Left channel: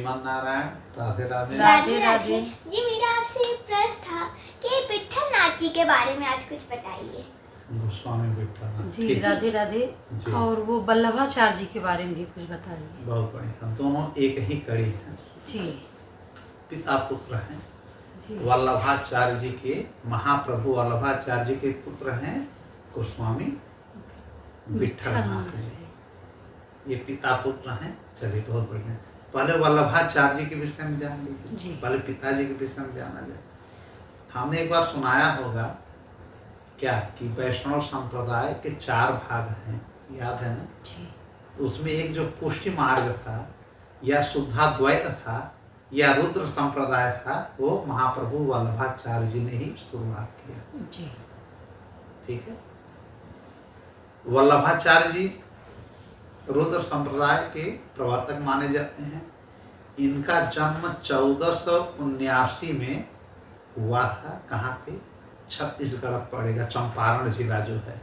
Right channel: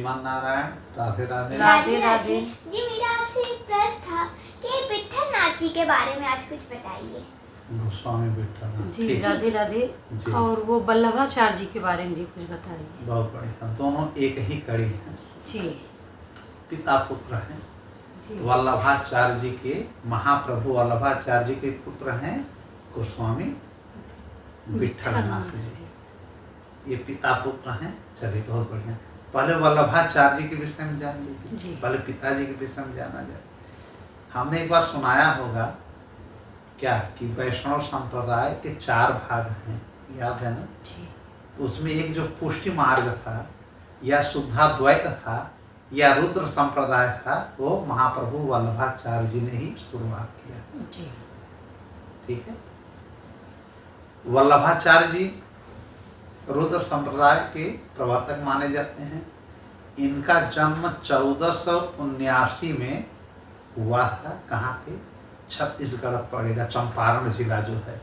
श्रीमान नारायण, राधे राधे। राधे राधे। जी मेरा आपसे एक प्रश्न था कि विट्ठल नाथ जी के बारे में आज कुछ बताइए। गोस्वामी विट्ठल जी राधे राधे। और वो वल्लभाचार्य जी के बारे में भी कुछ बताइए। बहुत बढ़िया, दोनों एक ही कड़ी हैं जी। पिता पुत्र हैं। वल्लभाचार्य जी के, महाप्रभु वल्लभाचार्य जी के पुत्र हैं गोस्वामी विट्ठल नाथ जी, ये पिता पुत्र हैं। चलिए बहुत बढ़िया। पहले वल्लभाचार्य जी के विषय में जान लीजिए, पहले पिताजी के विषय में जाना जाए। हमने एक बार सुनाया होगा क्या कि वैष्णव संप्रदाय के 4 भाग हैं, याद है ना? तो उसमें एक जो पुष्टि मार्ग था या शुद्धाद्वैत था या रुद्र संप्रदाय था, वो महाप्रभु वल्लभाचार्य जी ने ही शुरुआत किया। ठीक है। वल्लभाचार्य जी रुद्र संप्रदाय के प्रवर्तक माने जाते हैं। इनका जन्म 1479 में हुआ था। कहाँ पे? छत्तीसगढ़ पड़ेगा, चंपारण जिला जो है,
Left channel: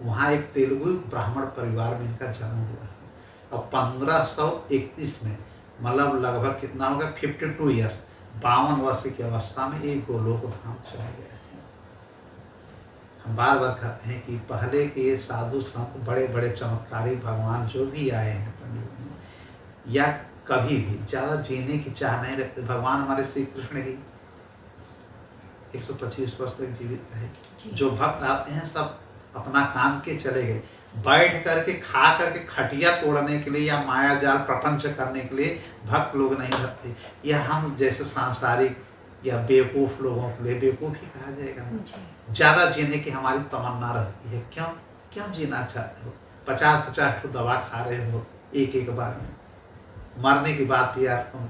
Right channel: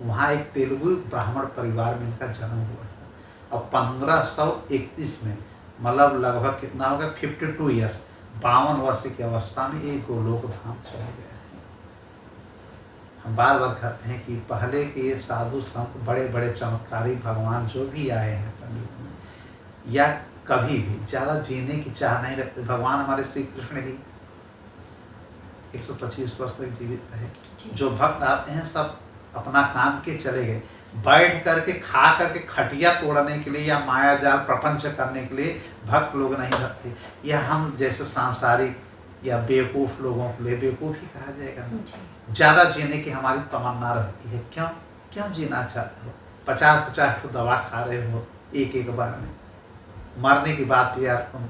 वहाँ एक तेलुगु ब्राह्मण परिवार में इनका जन्म हुआ था। और 1531 में, मतलब लगभग कितना होगा, 52 ईयर्स, 52 वर्ष की अवस्था में एक गोलोक धाम चले गए हैं। हम बार बार कहते हैं कि पहले के ये साधु संत, बड़े बड़े चमत्कारी भगवान जो भी आए हैं कलयुग में, या कभी भी ज़्यादा जीने की चाह नहीं रखते। भगवान हमारे श्री कृष्ण ही 125 वर्ष तक जीवित रहे। जो भक्त आते हैं सब अपना काम के चले गए। बैठ करके खा करके खटिया तोड़ने के लिए या माया जाल प्रपंच करने के लिए भक्त लोग नहीं रहते। यह हम जैसे सांसारिक या बेवकूफ़ लोगों के लिए बेवकूफ़ ही कहा जाएगा ना। ज़्यादा जीने की हमारी तमन्ना रहती है। क्यों क्यों जीना चाहते हो? 50-50 ठो दवा खा रहे हो एक बार में, मरने की बात भी यार तुम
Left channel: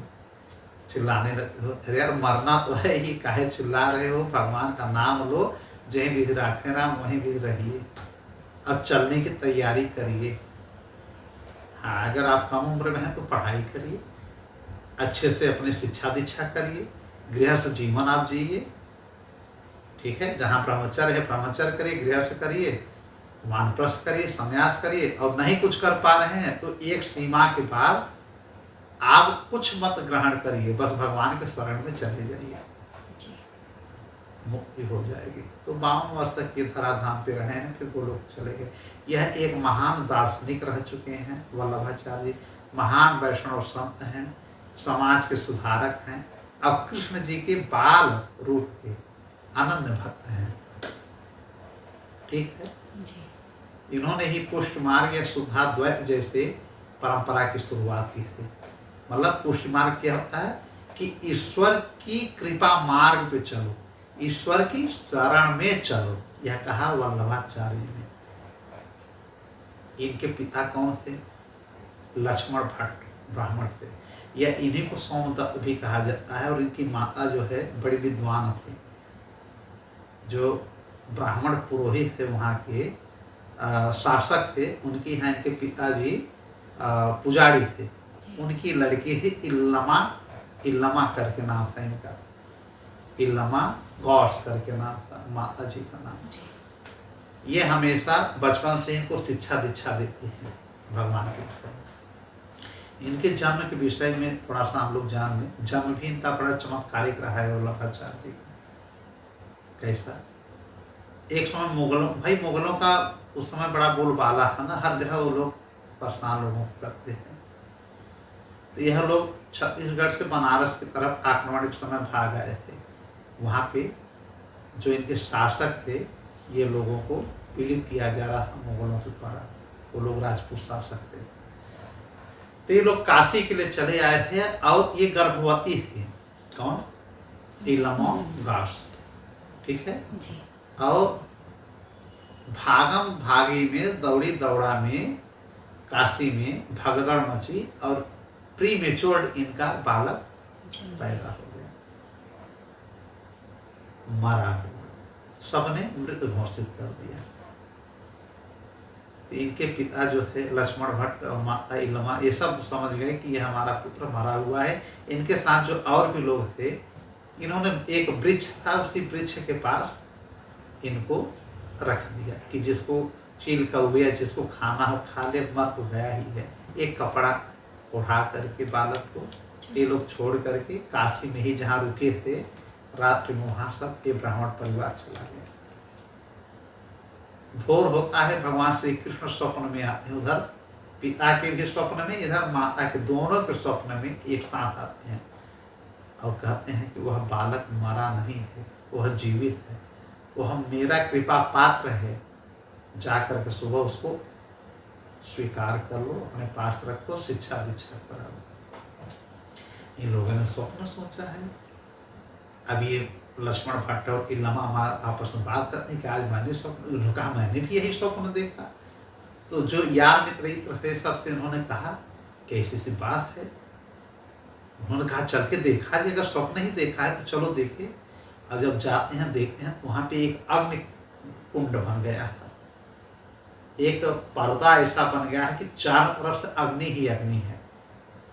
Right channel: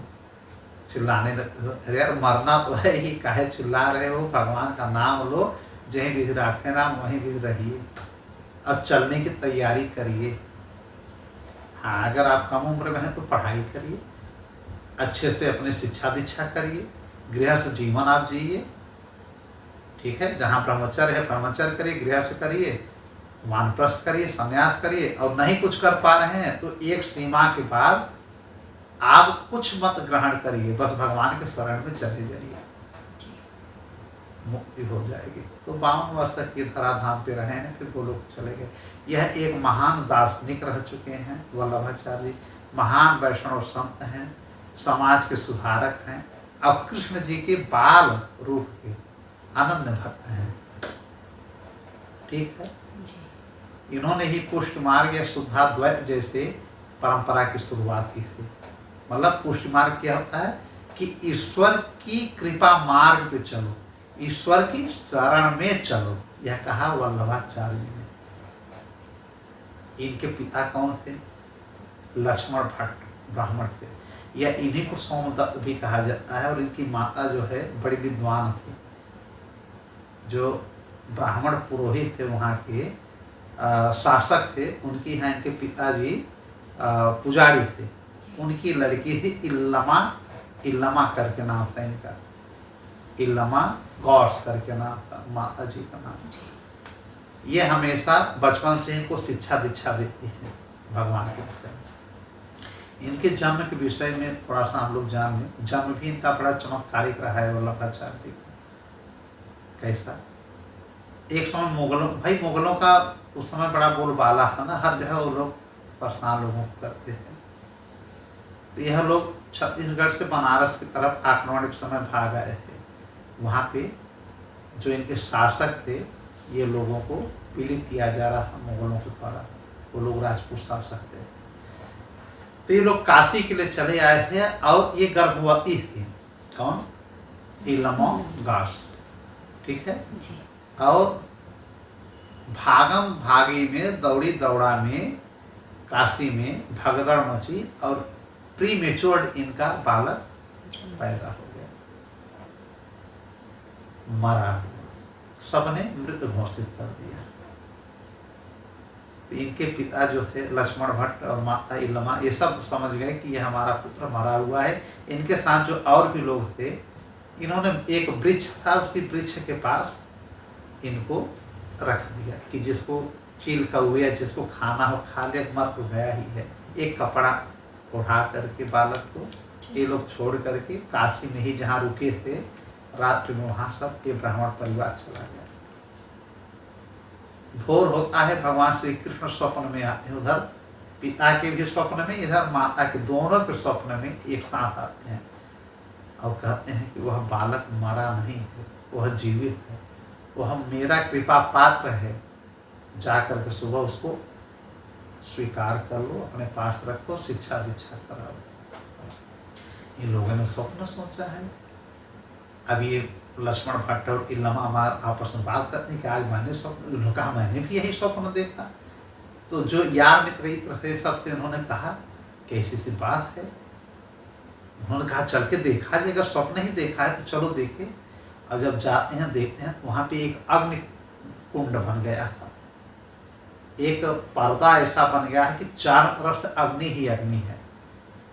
चिल्लाने लगते हो। अरे यार मरना तो है ही, काहे चिल्ला रहे हो? भगवान का नाम लो, जहीं विधि राखे नाम वहीं विधि रहिए, अब चलने की तैयारी करिए। हाँ, अगर आप कम उम्र में हैं तो पढ़ाई करिए, अच्छे से अपनी शिक्षा दीक्षा करिए, गृहस्थ जीवन आप जिए। ठीक है, जहाँ ब्रह्मचर्य है ब्रह्मचर्य करिए, गृहस्थ करिए, वानप्रस्थ करिए, संन्यास करिए। और नहीं कुछ कर पा रहे हैं तो एक सीमा के बाद आप कुछ मत ग्रहण करिए, बस भगवान के शरण में चले जाइए, मुक्ति हो जाएगी। तो 52 वर्ष तक ये धराधाम पे रहे हैं, फिर गोलोक चले गए। यह एक महान दार्शनिक रह चुके हैं वल्लभाचार्य जी। महान वैष्णव संत हैं, समाज के सुधारक हैं, और कृष्ण जी के बाल रूप के अनन्य भक्त हैं। ठीक है। इन्होंने ही पुष्ट मार्ग या शुद्धाद्वैत जैसे परंपरा की शुरुआत की थी। मतलब पुष्ट मार्ग क्या होता है कि ईश्वर की कृपा मार्ग पे चलो, ईश्वर की शरण में चलो, यह कहा वल्लभाचार्य जी ने। इनके पिता कौन थे? लक्ष्मण भट्ट ब्राह्मण थे, या इन्हीं को सोमदत्त भी कहा जाता है। और इनकी माता जो है बड़ी विद्वान थी, जो ब्राह्मण पुरोहित थे, वहाँ के शासक थे। उनकी यहाँ इनके पिताजी पुजारी थे। उनकी लड़की थी इल्लमा, इल्लमा करके नाम था इनका, इल्लमा गौस करके नाम था माता जी का नाम। ये हमेशा बचपन से इनको शिक्षा दीक्षा देती हैं भगवान के विषय में। इनके जन्म के विषय में थोड़ा सा हम लोग जान लें। जन्म भी इनका बड़ा चमत्कारिक रहा है वल्लभाचार्य जी का। कैसा? एक समय मुगलों का उस समय बड़ा बोलबाला है ना, हर जगह वो लोग परेशान लोगों को करते हैं। तो यह लोग छत्तीसगढ़ से बनारस की तरफ आक्रमण के समय भाग आए थे। वहाँ पे जो इनके शासक थे, ये लोगों को पीड़ित किया जा रहा था मुगलों के द्वारा। वो लोग राजपूत शासक थे। तो ये लोग काशी के लिए चले आए थे, और ये गर्भवती थी। कौन? इल्लमा गौस। ठीक है। और भागम भागी में, दौड़ी दौड़ा में काशी में भगदड़ मची, और प्री मेच्योर्ड इनका बालक पैदा हो गया, मरा हुआ। सबने मृत घोषित कर दिया। तो इनके पिता जो थे लक्ष्मण भट्ट और माता इल्लमा, ये सब समझ गए कि यह हमारा पुत्र मरा हुआ है। इनके साथ जो और भी लोग थे, इन्होंने एक वृक्ष था, उसी वृक्ष के पास इनको रख दिया कि जिसको चील कौवे, जिसको खाना हो खा ले, मर तो गया ही है। एक कपड़ा उठा करके बालक को ये लोग छोड़ करके काशी में ही जहाँ रुके थे रात्रि में वहाँ सब ये ब्राह्मण परिवार चला गया। भोर होता है, भगवान श्री कृष्ण स्वप्न में आते हैं, उधर पिता के भी स्वप्न में, इधर माता के, दोनों के स्वप्न में एक साथ आते हैं और कहते हैं कि वह बालक मरा नहीं है, वह जीवित है, वह मेरा कृपा पात्र है, जाकर के सुबह उसको स्वीकार कर लो, अपने पास रखो, शिक्षा दीक्षा कराओ। इन लोगों ने स्वप्न सोचा है। अब ये लक्ष्मण भट्ट और इल्लमा आपस में बात करते हैं कि आज मैंने स्वप्न, उन्होंने कहा मैंने भी यही स्वप्न देखा। तो जो यार मित्र थे सबसे उन्होंने कहा कि ऐसी सी बात है। उन्होंने कहा चल के देखा जाए, अगर स्वप्न ही देखा है तो चलो देखे। और जब जाते हैं देखते हैं तो वहाँ पे एक अग्नि कुंड बन गया है, एक पर्दा ऐसा बन गया है कि चारों तरफ से अग्नि ही अग्नि है।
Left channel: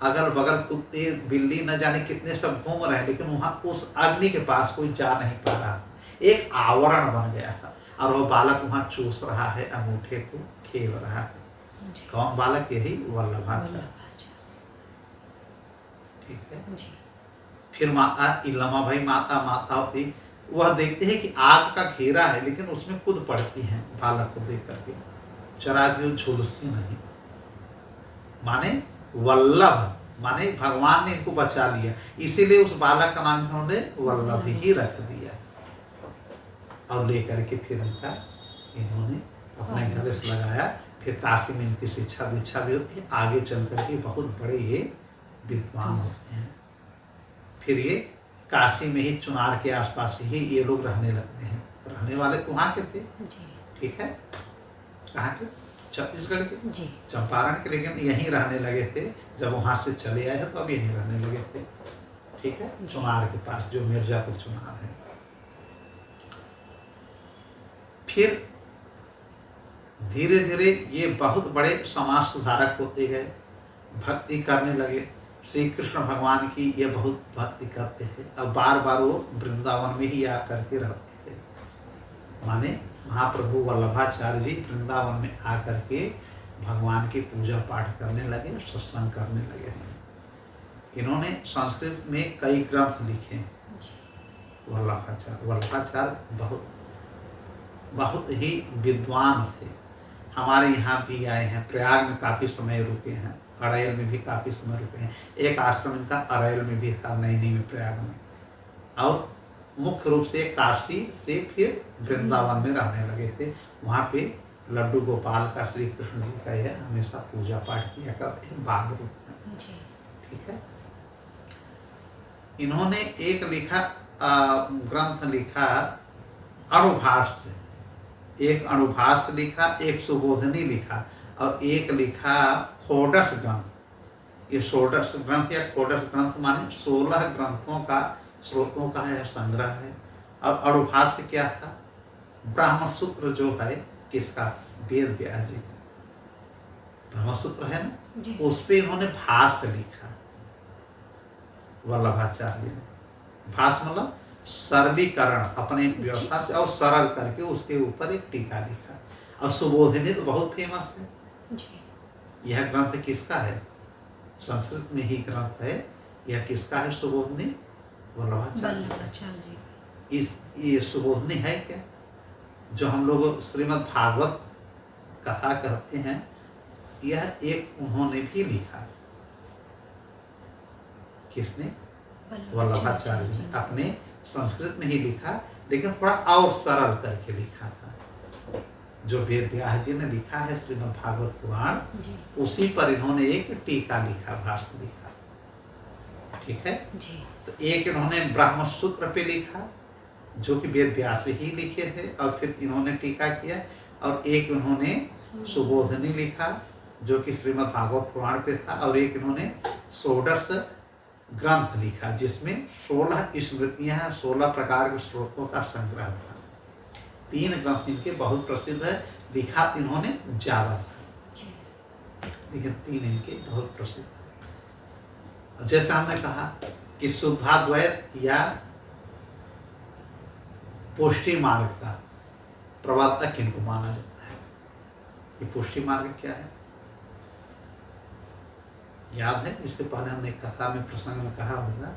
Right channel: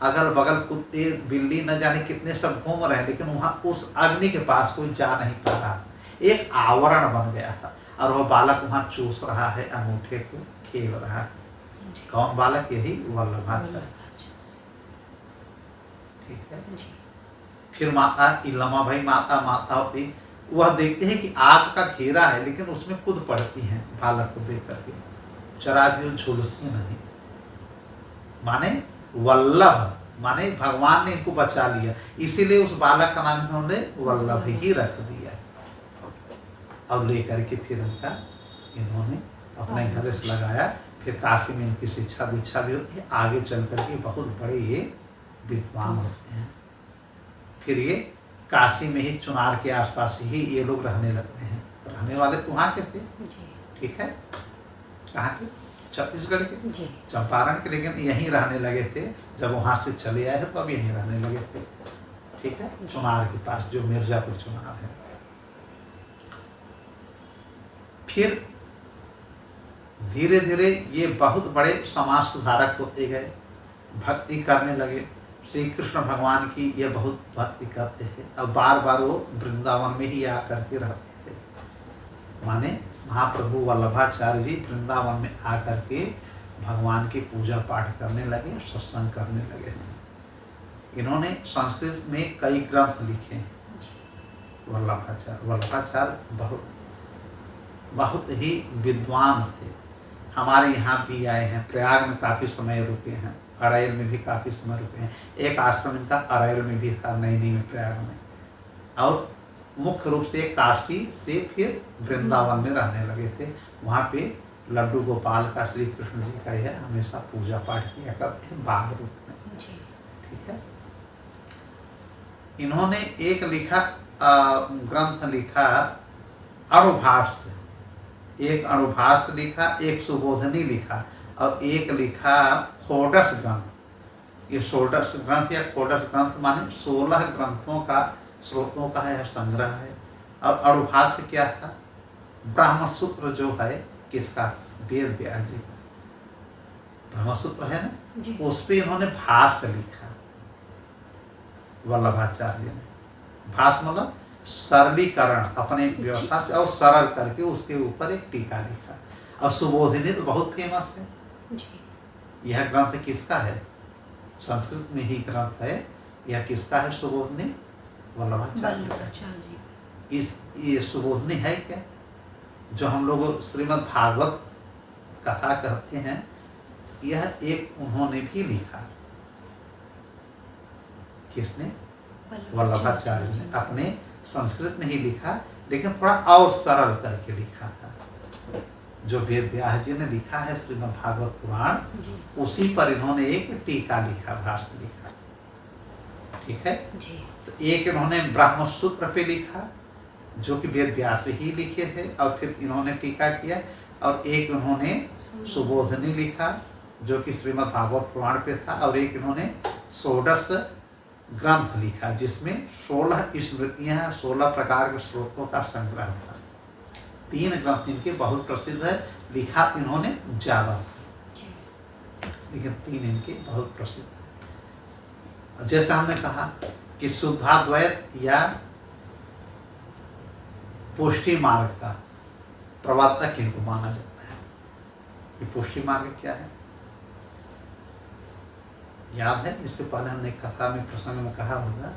अगल बगल कुत्ते बिल्ली न जाने कितने सब घूम रहे हैं, लेकिन वहाँ उस अग्नि के पास कोई जा नहीं पा रहा। एक आवरण बन गया था और वह बालक वहाँ चूस रहा है, अंगूठे को खेल रहा है। कौन बालक? यही वल्लभाचार्य। ठीक है। फिर माता इल्लमा भाई माता होती, वह देखते हैं कि आग का घेरा है, लेकिन उसमें कूद पड़ती हैं बालक को देख करके। जरा भी वो झुलसी नहीं, माने वल्लभ, माने भगवान ने इनको बचा लिया, इसीलिए उस बालक का नाम इन्होंने वल्लभ ही रख दिया। और लेकर के फिर उनका इन्होंने अपने गले से लगाया। फिर काशी में इनकी शिक्षा दीक्षा भी होती है, आगे चल करके बहुत बड़े ये विद्वान होते हैं। फिर ये काशी में ही चुनार के आसपास ही ये लोग रहने लगते हैं। रहने वाले तो वहाँ के थे, ठीक है, कहाँ के? छत्तीसगढ़ के, चंपारण के, लेकिन यहीं रहने लगे थे। जब वहाँ से चले आए तो अब यहीं रहने लगे थे। ठीक है, चुनार के पास, जो मिर्जापुर चुनार है। फिर धीरे धीरे ये बहुत बड़े समाज सुधारक होते गए, भक्ति करने लगे। श्री कृष्ण भगवान की ये बहुत भक्ति करते हैं। अब बार बार वो वृंदावन में ही आकर के रहते थे। माने महाप्रभु वल्लभाचार्य जी वृंदावन में आकर के भगवान की पूजा पाठ करने लगे, सत्संग करने लगे हैं। इन्होंने संस्कृत में कई ग्रंथ लिखे हैं। वल्लभाचार्य बहुत ही विद्वान थे। हमारे यहाँ भी आए हैं, प्रयाग में काफ़ी समय रुके हैं, अरैल में भी काफ़ी समय रुके हैं। एक आश्रम इनका अरैल में भी था, नैनी में, प्रयाग में। और मुख्य रूप से काशी से फिर वृंदावन में रहने लगे थे। वहाँ पे लड्डू गोपाल का, श्री कृष्ण जी का यह हमेशा पूजा पाठ किया करते हैं बाल रूप में। ठीक है। इन्होंने एक ग्रंथ लिखा अणुभाष्य, एक अणुभाष्य लिखा, एक सुबोधनी लिखा और एक लिखा खोडस ग्रंथ। ये षोडश ग्रंथ या खोडस ग्रंथ माने 16 ग्रंथों का, स्रोतों का है, संग्रह है। अब अणुभाष्य क्या था? ब्रह्मसूत्र जो है किसका? वेद व्यास जी का ब्रह्मसूत्र है ना, उस पे इन्होंने भाष्य लिखा वल्लभाचार्य ने। भाष्य मतलब सरलीकरण, अपने व्यवस्था से और सरल करके उसके ऊपर एक टीका लिखा। और सुबोधिनी तो बहुत फेमस है। यह ग्रंथ किसका है? संस्कृत में ही ग्रंथ है। यह किसका है? सुबोधिनी वल्लभाचार्य। ये सुबोधनी है क्या? जो हम लोग श्रीमद् भागवत कथा कहते हैं, यह एक उन्होंने भी लिखा। किसने? वल्लभाचार्य ने अपने संस्कृत में ही लिखा, लेकिन थोड़ा और सरल करके लिखा था। जो वेद व्यास जी ने लिखा है श्रीमद् भागवत पुराण, उसी पर इन्होंने एक टीका लिखा, भाष्य लिखा। ठीक है जी। तो एक इन्होंने ब्रह्मसूत्र पे लिखा, जो कि वेद व्यास ही लिखे थे, और फिर इन्होंने टीका किया। और एक इन्होंने सुबोधनी लिखा, जो कि श्रीमद् भागवत पुराण पे था। और एक इन्होंने षोडश ग्रंथ लिखा, जिसमें 16 स्मृतियाँ, 16 प्रकार के स्रोतों का संग्रह था। 3 ग्रंथ इनके बहुत प्रसिद्ध है। लिखा इन्होंने ज़्यादा था, लेकिन 3 इनके बहुत प्रसिद्ध है। जैसे हमने कहा कि शुद्धाद्वैत या पुष्टि मार्ग का प्रवर्तक इनको माना जाता है। ये पुष्टि मार्ग क्या है? याद है, इसके पहले हमने एक कथा में प्रसंग में कहा होगा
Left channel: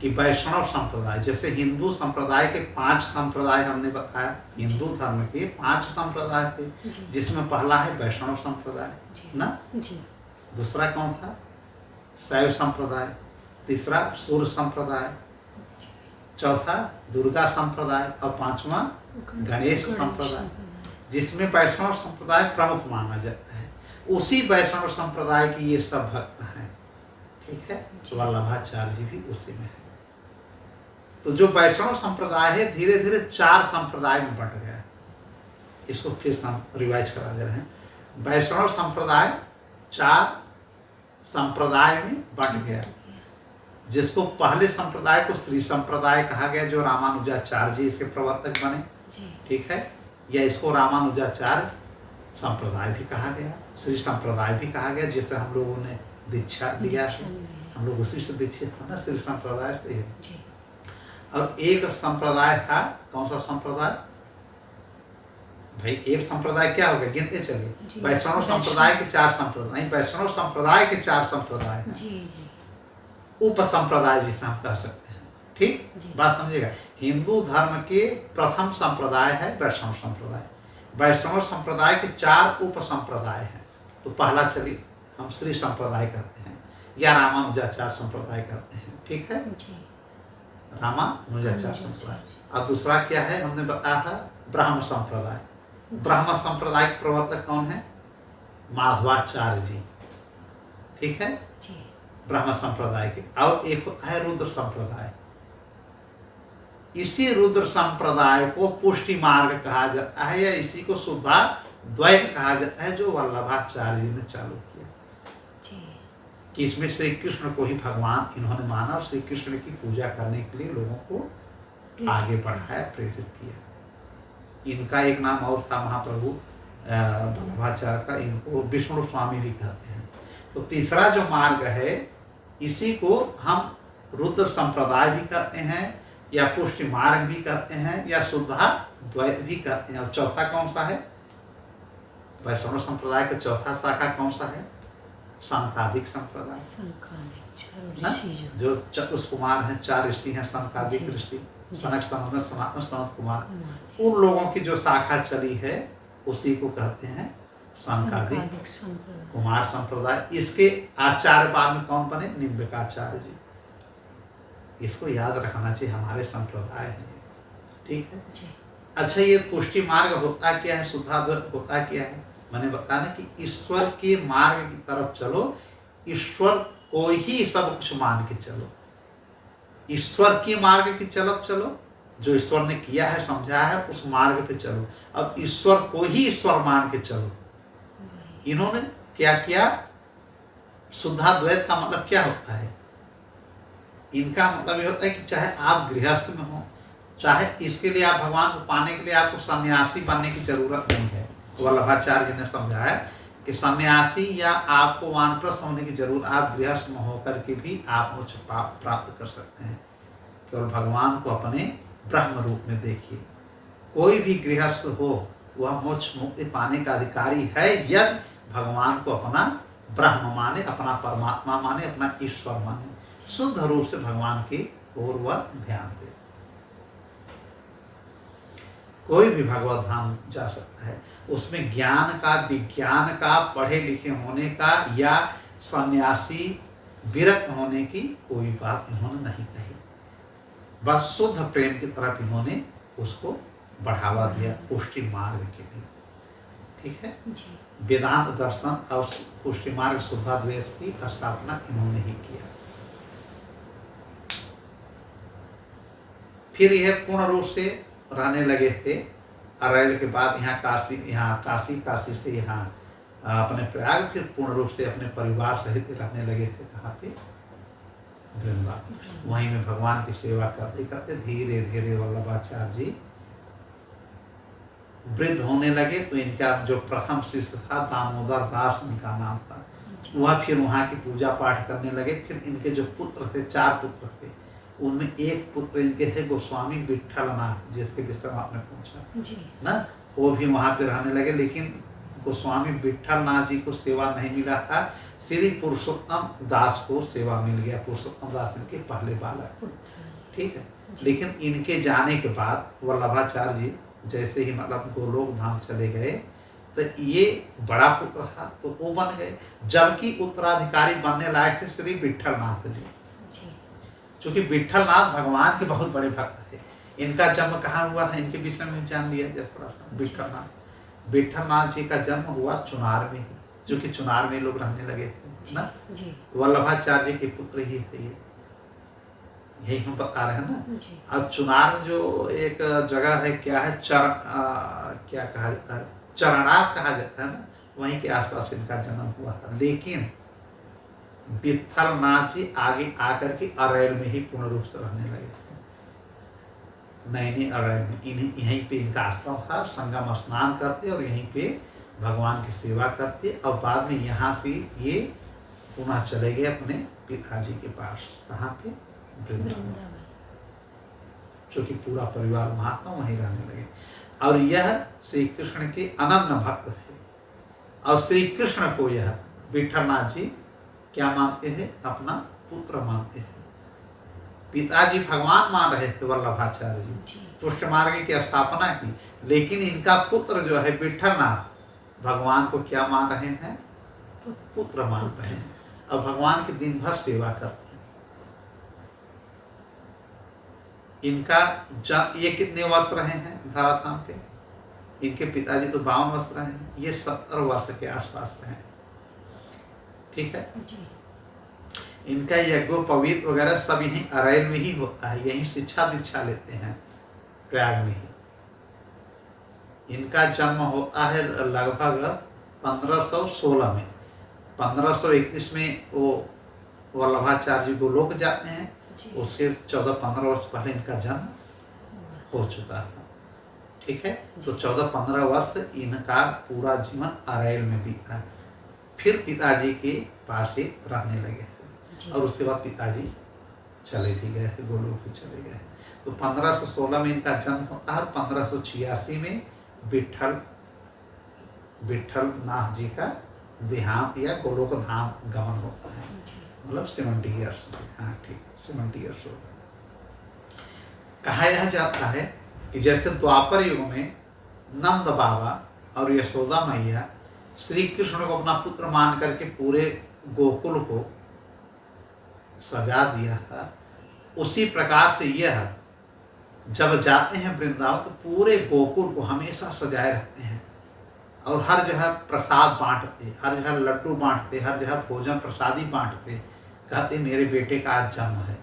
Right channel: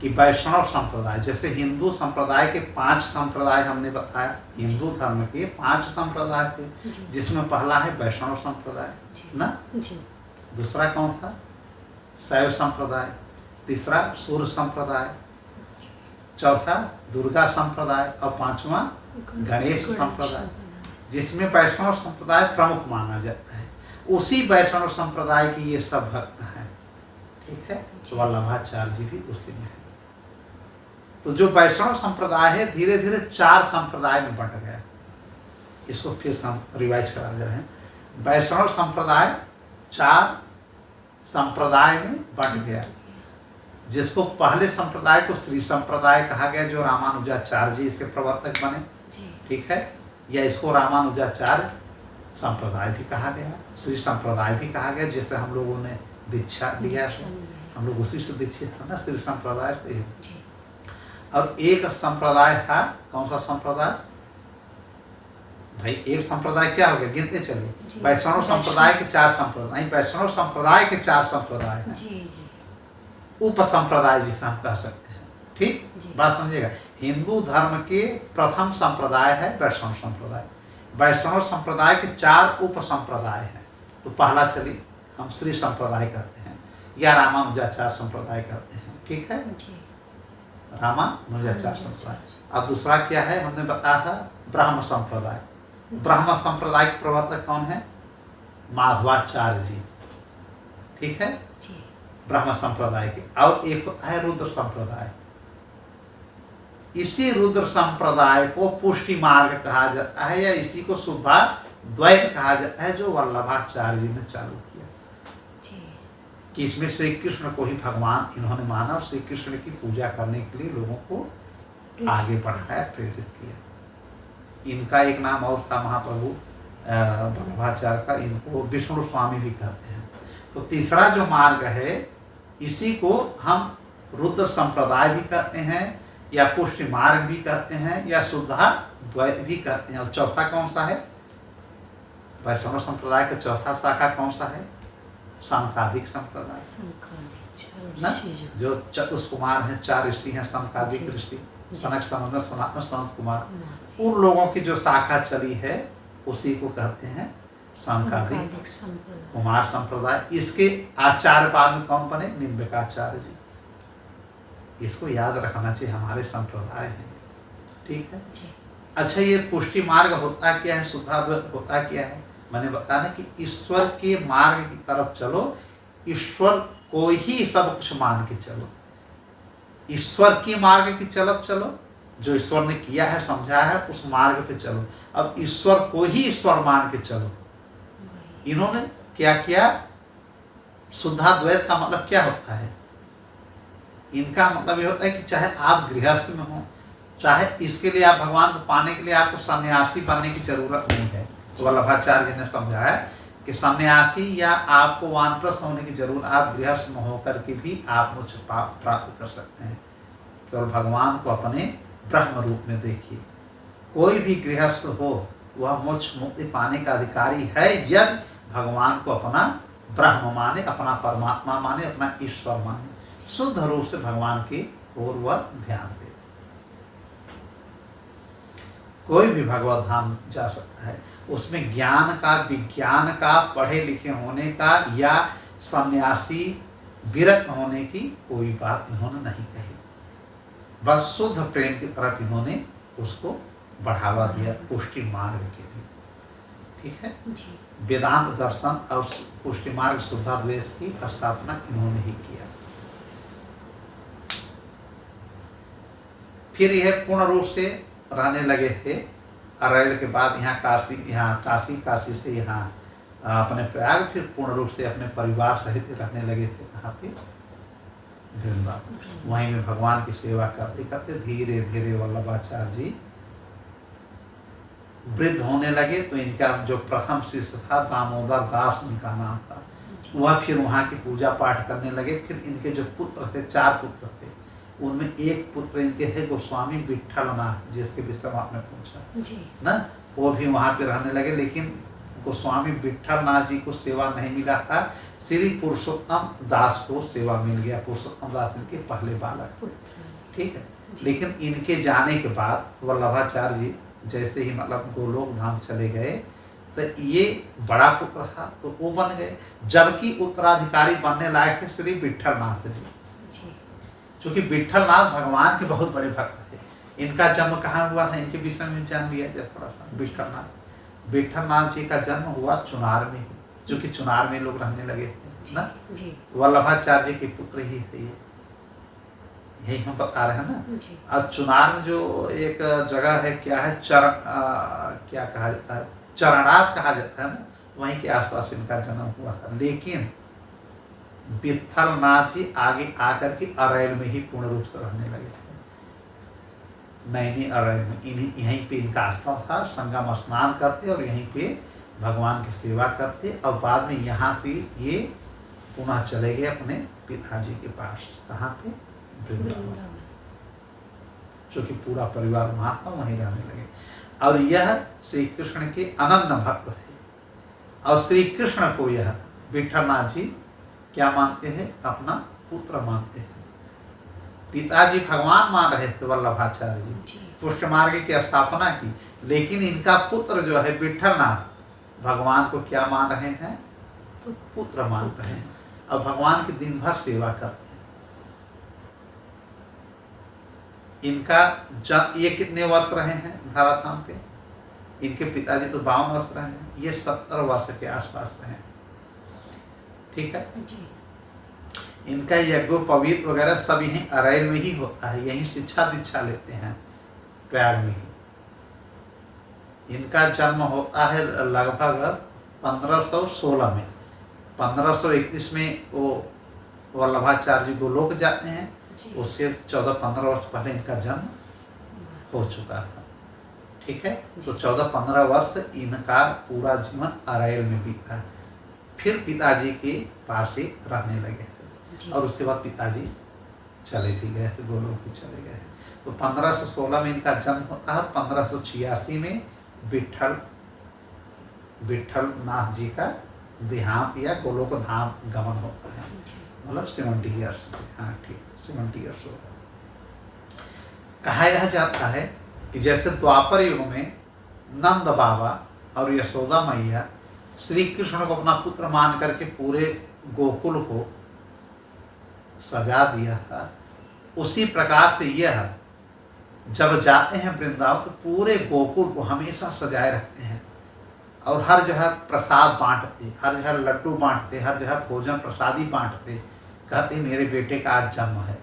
कि वैष्णव संप्रदाय, जैसे हिंदू संप्रदाय के 5 संप्रदाय हमने बताया, हिंदू धर्म के 5 संप्रदाय थे, जी जिसमें पहला है वैष्णव संप्रदाय जी ना, जी दूसरा कौन था, शैव संप्रदाय, तीसरा सूर्य संप्रदाय, चौथा दुर्गा संप्रदाय और 5वां गणेश संप्रदाय, जिसमें वैष्णव संप्रदाय प्रमुख माना जाता है। उसी वैष्णव संप्रदाय की ये सब भक्त हैं, ठीक है, तो वल्लभाचार्य जी भी उसी में है। तो जो वैष्णव संप्रदाय है धीरे धीरे 4 संप्रदाय में बंट गया। इसको फिर हम रिवाइज करा दे रहे हैं। वैष्णव संप्रदाय 4 संप्रदाय में बंट गया, जिसको पहले संप्रदाय को श्री संप्रदाय कहा गया, जो रामानुजाचार्य जी इसके प्रवर्तक बने, ठीक है, या इसको रामानुजाचार्य संप्रदाय भी कहा गया, श्री संप्रदाय भी कहा गया, जैसे हम लोगों ने दीक्षा लिया है, हम लोग उसी से दीक्षित था ना, श्री संप्रदाय से। और एक संप्रदाय था, कौन सा संप्रदाय भाई, एक संप्रदाय क्या हो गया, गिनते चलिए, वैष्णव संप्रदाय के 4 संप्रदाय, वैष्णव संप्रदाय के 4 संप्रदाय हैं, उप संप्रदाय जिसे हम कह सकते हैं, ठीक, बात समझिएगा। हिंदू धर्म के प्रथम संप्रदाय है वैष्णव संप्रदाय, वैष्णव संप्रदाय के 4 उप संप्रदाय हैं। तो पहला चलिए हम श्री संप्रदाय करते हैं या रामानुजाचार्य संप्रदाय करते हैं, ठीक है, रामानुजाचार्य संप्रदाय। और दूसरा क्या है, हमने बताया था ब्रह्म संप्रदाय। ब्रह्म संप्रदाय के प्रवर्तक कौन है, माधवाचार्य जी, ठीक है, ब्रह्म संप्रदाय के। और एक होता है रुद्र संप्रदाय। इसी रुद्र संप्रदाय को पुष्टि मार्ग कहा जाता है, या इसी को शुद्धा द्वैत कहा जाता है, जो वल्लभाचार्य जी ने चालू किया, कि इसमें श्री कृष्ण को ही भगवान इन्होंने माना और श्री कृष्ण की पूजा करने के लिए लोगों को आगे बढ़ाया, प्रेरित किया। इनका एक नाम और था महाप्रभु वल्लभाचार्य का, इनको विष्णु स्वामी भी कहते हैं। तो तीसरा जो मार्ग है, इसी को हम रुद्र संप्रदाय भी कहते हैं, या पुष्टि मार्ग भी कहते हैं, या शुद्धा द्वैत भी कहते हैं। और चौथा कौन सा है, वैष्णव संप्रदाय का चौथा शाखा कौन सा है, सनकादिक संप्रदाय ना, जो चतुष कुमार हैं, 4 ऋषि हैं, सनकादिक ऋषि, सनक, सनंदन, सनातन, सनत कुमार, उन लोगों की जो शाखा चली है उसी को कहते हैं सनकादिक कुमार संप्रदाय। इसके आचार्य बाद में कौन बने, निम्बिकाचार्य जी। इसको याद रखना चाहिए, हमारे संप्रदाय है, ठीक है। अच्छा, ये पुष्टि मार्ग होता क्या है, शुद्धाद्वैत होता क्या है, मैंने बताया ना कि ईश्वर के मार्ग की तरफ चलो, ईश्वर को ही सब कुछ मान के चलो, ईश्वर के मार्ग की तरफ चलो, जो ईश्वर ने किया है समझाया है उस मार्ग पे चलो। अब ईश्वर को ही ईश्वर मान के चलो। इन्होंने क्या किया, शुद्धाद्वैत का मतलब क्या होता है, इनका मतलब ये होता है कि चाहे आप गृहस्थ में हो, चाहे इसके लिए आप भगवान को पाने के लिए आपको सन्यासी बनने की जरूरत नहीं है। तो वल्लभाचार्य जी ने समझाया कि सन्यासी या आपको वानप्रस्थ होने की जरूरत, आप गृहस्थ में होकर के भी आप मोक्ष प्राप्त कर सकते हैं। केवल भगवान को अपने ब्रह्म रूप में देखिए। कोई भी गृहस्थ हो वह मोक्ष मुक्ति पाने का अधिकारी है यदि भगवान को अपना ब्रह्म माने, अपना परमात्मा माने, अपना ईश्वर माने, शुद्ध रूप से भगवान की ओर वह ध्यान दे। कोई भी भगवत धाम जा सकता है, उसमें ज्ञान का, विज्ञान का, पढ़े लिखे होने का या सन्यासी विरक्त होने की कोई बात इन्होंने नहीं कही। बस शुद्ध प्रेम की तरफ इन्होंने उसको बढ़ावा दिया, पुष्टि मार्ग के लिए, ठीक है। वेदांत दर्शन और पुष्टि मार्ग शुद्धाद्वैत की स्थापना इन्होंने ही किया। फिर यह पूर्ण रूप से रहने लगे थे अरैल के बाद यहाँ काशी, काशी से यहाँ अपने प्रयाग, फिर पूर्ण रूप से अपने परिवार सहित रहने लगे थे। कहाँ पे, वृंदावन। वहीं में भगवान की सेवा करते करते धीरे धीरे वल्लभाचार्य जी वृद्ध होने लगे। तो इनका जो प्रथम शिष्य था दामोदर दास इनका नाम था, वह फिर वहाँ की पूजा पाठ करने लगे। फिर इनके जो पुत्र थे, 4 पुत्र थे, उनमें एक पुत्र इनके है गोस्वामी विट्ठलनाथ, जिसके विषय में आपने पूछा ना, वो भी वहाँ पे रहने लगे। लेकिन गोस्वामी विट्ठल नाथ जी को सेवा नहीं मिला था, श्री पुरुषोत्तम दास को सेवा मिल गया। पुरुषोत्तम दास इनके पहले बालक थे, ठीक है। लेकिन इनके जाने के बाद वल्लभाचार्य जी जैसे ही मतलब गोलोक धाम चले गए तो ये बड़ा पुत्र था तो वो बन गए, जबकि उत्तराधिकारी बनने लायक थे श्री विट्ठल नाथ जी। चूँकि विट्ठल नाथ भगवान के बहुत बड़े भक्त थे। इनका जन्म कहाँ हुआ था, इनके विषय में जान लिया जाए थोड़ा सा। विट्ठल नाथ जी का जन्म हुआ चुनार में ही, जो कि चुनार में लोग रहने लगे थे ना। वल्लभाचार्य जी के पुत्र ही थे ये, यही हम बता रहे हैं ना। और चुनार में जो एक जगह है, क्या है, क्या कहा जाता है, चरणात कहा जाता है ना, वहीं के आसपास इनका जन्म हुआ था। लेकिन विट्ठल नाथ जी आगे आकर के अरैल में ही पूर्ण रूप से रहने लगे थे। नैनी अरैल में यहीं पे इनका आश्रम था, संगम स्नान करते और यहीं पे भगवान की सेवा करते। और बाद में यहाँ से ये पुनः चले गए अपने पिताजी के पास। कहाँ पे, वृंदावन, जो कि पूरा परिवार वहाँ था, वहीं रहने लगे। और यह श्री कृष्ण के अनन्य भक्त थे। और श्री कृष्ण को यह विट्ठल नाथ जी क्या मानते हैं, अपना पुत्र मानते हैं। पिताजी भगवान मान रहे थे वल्लभाचार्य जी, पुष्ट मार्ग की स्थापना की, लेकिन इनका पुत्र जो है विट्ठल नाथ भगवान को क्या मान रहे हैं, पुत्र मान रहे हैं। और भगवान की दिन भर सेवा करते हैं। इनका ये कितने वर्ष रहे हैं धराधाम पे, इनके पिताजी तो 52 वर्ष रहे हैं, ये 70 वर्ष के आसपास रहे हैं, ठीक है जी। इनका यज्ञोपवीत वगैरह सब यहीं अरैल में ही होता है, यहीं शिक्षा दीक्षा लेते हैं प्रयाग में ही। इनका जन्म होता है लगभग 1516 में। 1531 में वो वल्लभाचार्य जी गोलोक जाते हैं, उसके 14-15 वर्ष पहले इनका जन्म हो चुका था, ठीक है। तो 14-15 वर्ष इनका पूरा जीवन अरैल में बीता। फिर पिताजी के पास ही रहने लगे थे और उसके बाद पिताजी चले भी गए थे, गोलोक भी चले गए। तो 1516 में इनका जन्म होता है। 1586 में विट्ठल नाथ जी का देहांत या गोलोक धाम गमन होता है, मतलब 70 ईयर्स। हाँ ठीक, 70 ईयर्स होगा। कहा यह जाता है कि जैसे द्वापर युग में नंद बाबा और यशोदा मैया श्री कृष्ण को अपना पुत्र मान करके पूरे गोकुल को सजा दिया था, उसी प्रकार से यह जब जाते हैं वृंदावन तो पूरे गोकुल को हमेशा सजाए रखते हैं और हर जगह प्रसाद बांटते, हर जगह लड्डू बांटते, हर जगह भोजन प्रसादी बांटते। कहते मेरे बेटे का आज जन्म है,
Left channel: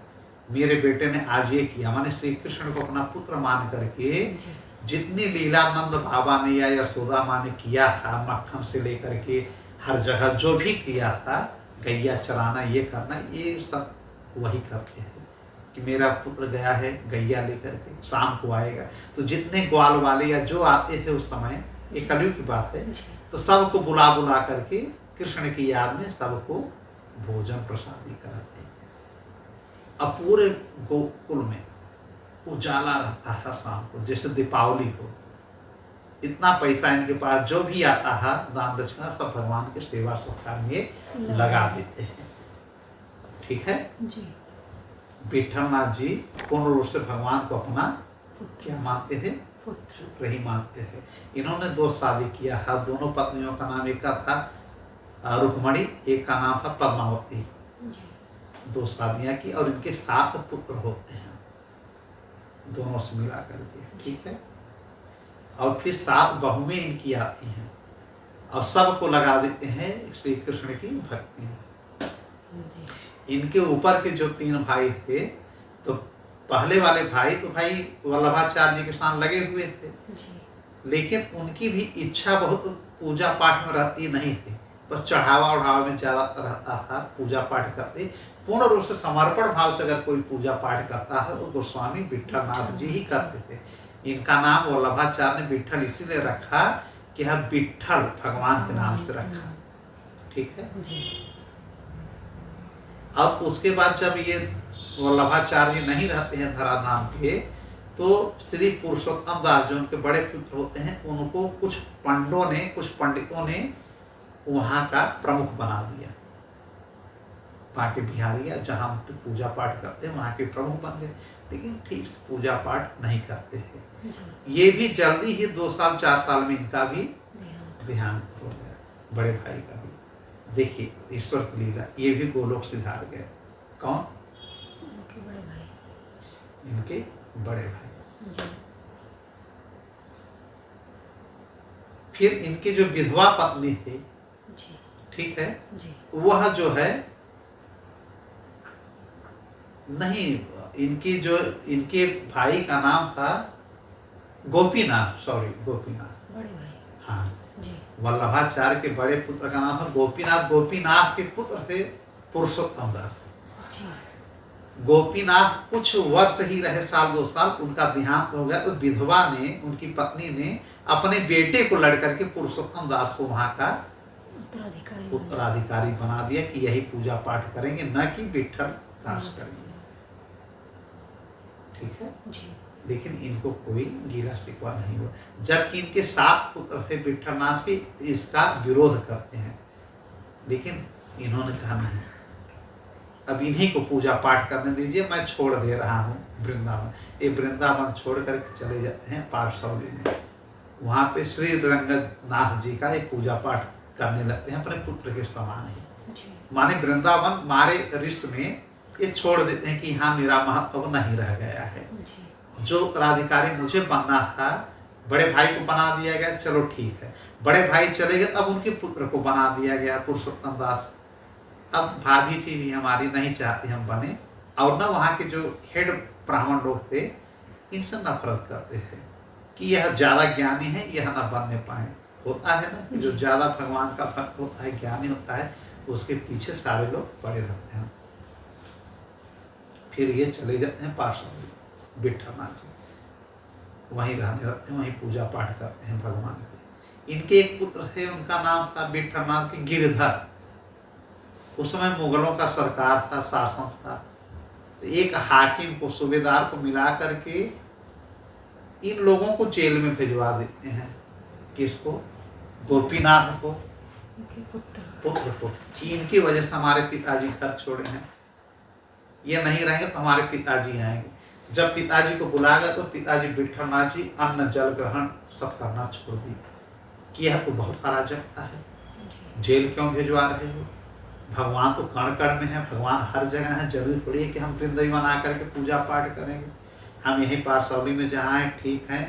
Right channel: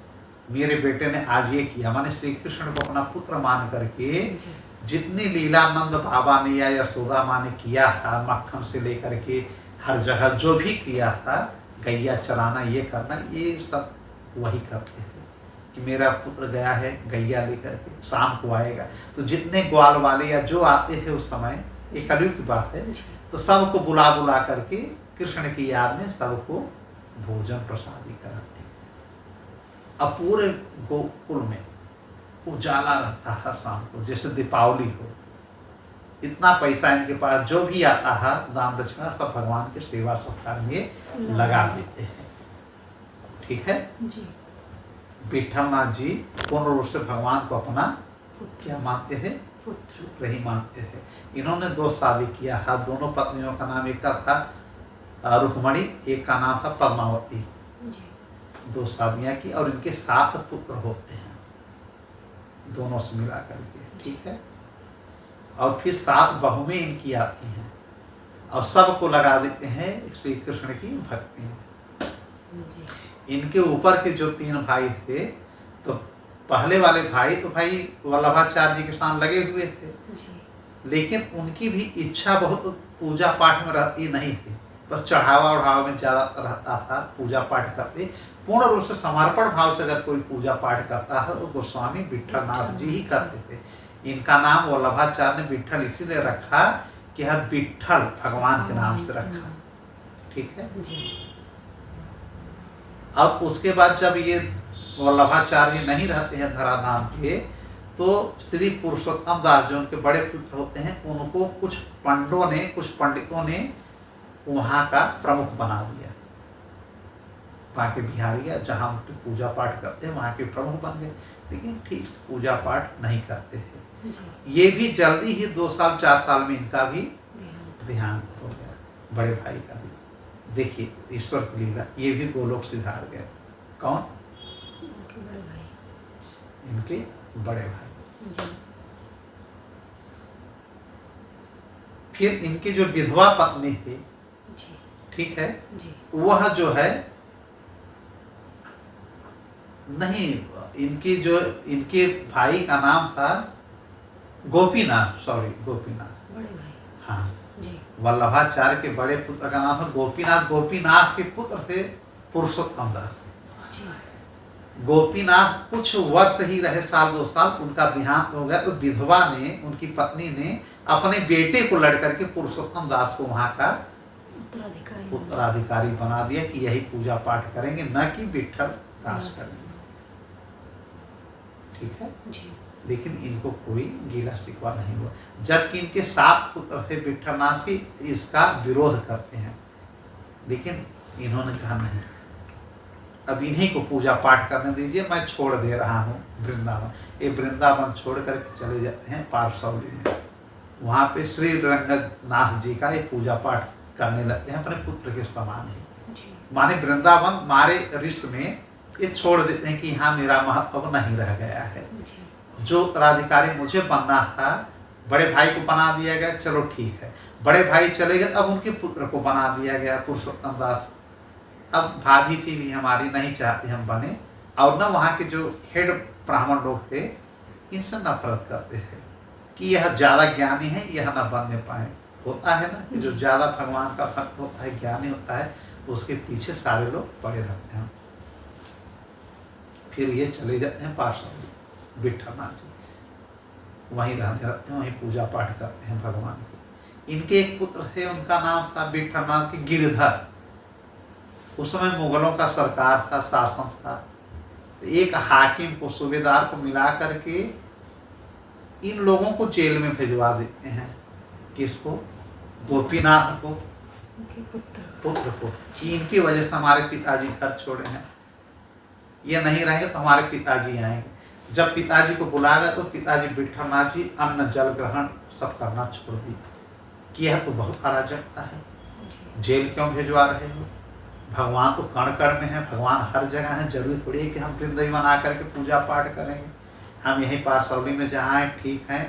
मेरे बेटे ने आज ये किया। मैंने श्री कृष्ण को अपना पुत्र मान करके जितनी लीला नंद बाबा ने या यशोदा माँ ने किया था, मक्खन से लेकर के हर जगह जो भी किया था, गैया चराना, ये करना, ये सब वही करते हैं कि मेरा पुत्र गया है गैया लेकर के, शाम को आएगा। तो जितने ग्वाल वाले या जो आते थे उस समय, ये कलयुग की बात है, तो सबको बुला बुला करके कृष्ण की याद में सबको भोजन प्रसादी कराते। अब पूरे गोकुल में उजाला रहता था शाम को, जैसे दीपावली हो। इतना पैसा इनके पास, जो भी आता है दान दक्षिणा सब भगवान के सेवा सत्कार में लगा देते हैं, ठीक है जी। विट्ठल नाथ जी पूर्ण रूप से भगवान को अपना क्या मानते थे, पुत्र ही मानते थे। इन्होंने 2 शादी किया था। दोनों पत्नियों का नाम, एक का था रुक्मणी, एक का नाम था पद्मावती। 2 शादियां की और इनके 7 पुत्र होते हैं दोनों से मिला करके, ठीक है। और फिर 7 बहुएं इनकी आती हैं और सबको लगा देते हैं श्री कृष्ण की भक्ति में। इनके ऊपर के जो 3 भाई थे, तो पहले वाले भाई तो भाई वल्लभाचार्य जी के साथ लगे हुए थे, लेकिन उनकी भी इच्छा बहुत पूजा पाठ में रहती नहीं थी, बस चढ़ावा उढ़ावा में ज़्यादा रहता था। पूजा पाठ करते पूर्ण रूप से समर्पण भाव से अगर कोई पूजा पाठ करता है तो गोस्वामी विट्ठल नाथ जी ही करते थे। इनका नाम वल्लभाचार्य ने विट्ठल इसीलिए रखा कि यह विट्ठल भगवान के नाम से रखा, ठीक है जी। अब उसके बाद जब ये वल्लभाचार्य जी नहीं रहते हैं धराधाम के, तो श्री पुरुषोत्तम दास जो उनके बड़े पुत्र होते हैं, उनको कुछ पंडितों ने वहाँ का प्रमुख बना दिया। वहाँ के बिहारिया जहाँ पे पूजा पाठ करते हैं वहाँ के प्रमुख बन गए, लेकिन ठीक से पूजा पाठ नहीं करते थे। ये भी जल्दी ही 2 साल 4 साल में इनका भी देहांत हो गया, बड़े भाई का भी। देखिए ईश्वर की लीला, ये भी गोलोक सिधार गए। कौन? उनके बड़े भाई। इनके बड़े भाई। फिर इनकी जो विधवा पत्नी थी, ठीक है, वह जो है नहीं, इनके भाई का नाम था गोपीनाथ, गोपीनाथ, बड़े भाई। हाँ जी। वल्लभाचार्य के बड़े पुत्र का नाम था गोपीनाथ। गोपीनाथ के पुत्र थे पुरुषोत्तम दास। गोपीनाथ कुछ वर्ष ही रहे, 1-2 साल, उनका देहांत हो गया। तो विधवा ने, उनकी पत्नी ने अपने बेटे को लड़कर के पुरुषोत्तम दास को वहां का उत्तराधिकारी बना दिया कि यही पूजा पाठ करेंगे, न कि विठल दास करेंगे। ठीक है जी। लेकिन इनको कोई गीला शिकवा नहीं हुआ, जबकि इनके 7 पुत्र थे विठलनाथ के, इसका विरोध करते हैं। लेकिन इन्होंने कहा नहीं, अब इन्हीं को पूजा पाठ करने दीजिए, मैं छोड़ दे रहा हूँ वृंदावन। ये वृंदावन छोड़ करके चले जाते हैं पारसौली में। वहाँ पे श्री रंगनाथ जी का ये पूजा पाठ करने लगते हैं अपने पुत्र के समान ही। माने वृंदावन मारे रिश्त में ये छोड़ देते हैं कि यहाँ मेरा महत्व नहीं रह गया है। जो उत्तराधिकारी मुझे बनना था, बड़े भाई को बना दिया गया, चलो ठीक है। बड़े भाई चले गए, अब उनके पुत्र को बना दिया गया पुरुषोत्तम दास। अब भाभी जी भी हमारी नहीं चाहती हम बने, और न वहाँ के जो हेड ब्राह्मण लोग थे इनसे नफरत करते हैं कि यह ज़्यादा ज्ञानी है, यह न बनने पाए। होता है ना कि जो ज़्यादा भगवान का भक्त होता है, ज्ञानी होता है, उसके पीछे सारे लोग पड़े रहते हैं। फिर ये चले जाते हैं पार्श्व विठलनाथ जी, वहीं रहने रहते हैं, वहीं पूजा पाठ करते हैं भगवान के। इनके एक पुत्र थे, उनका नाम था विठलनाथ के गिरधर। उस समय मुगलों का सरकार था, शासन था। एक हाकिम को, सूबेदार को मिला करके इन लोगों को जेल में भिजवा देते हैं। किसको? गोपीनाथ को, पुत्र को, कि इनकी वजह से हमारे पिताजी घर छोड़े हैं, ये नहीं रहेंगे तो हमारे पिताजी आएंगे। जब पिताजी को बुलाया तो पिताजी विठलनाथ जी अन्न जल ग्रहण सब करना छोड़ दी कि यह तो बहुत अराजकता है, जेल क्यों भिजवा रहे हो? भगवान तो कण कण में है, भगवान हर जगह है। जरूरी थोड़ी है कि हम वृंदावन आकर के पूजा पाठ करेंगे। हम यहीं पारसौली में जहाँ हैं ठीक हैं,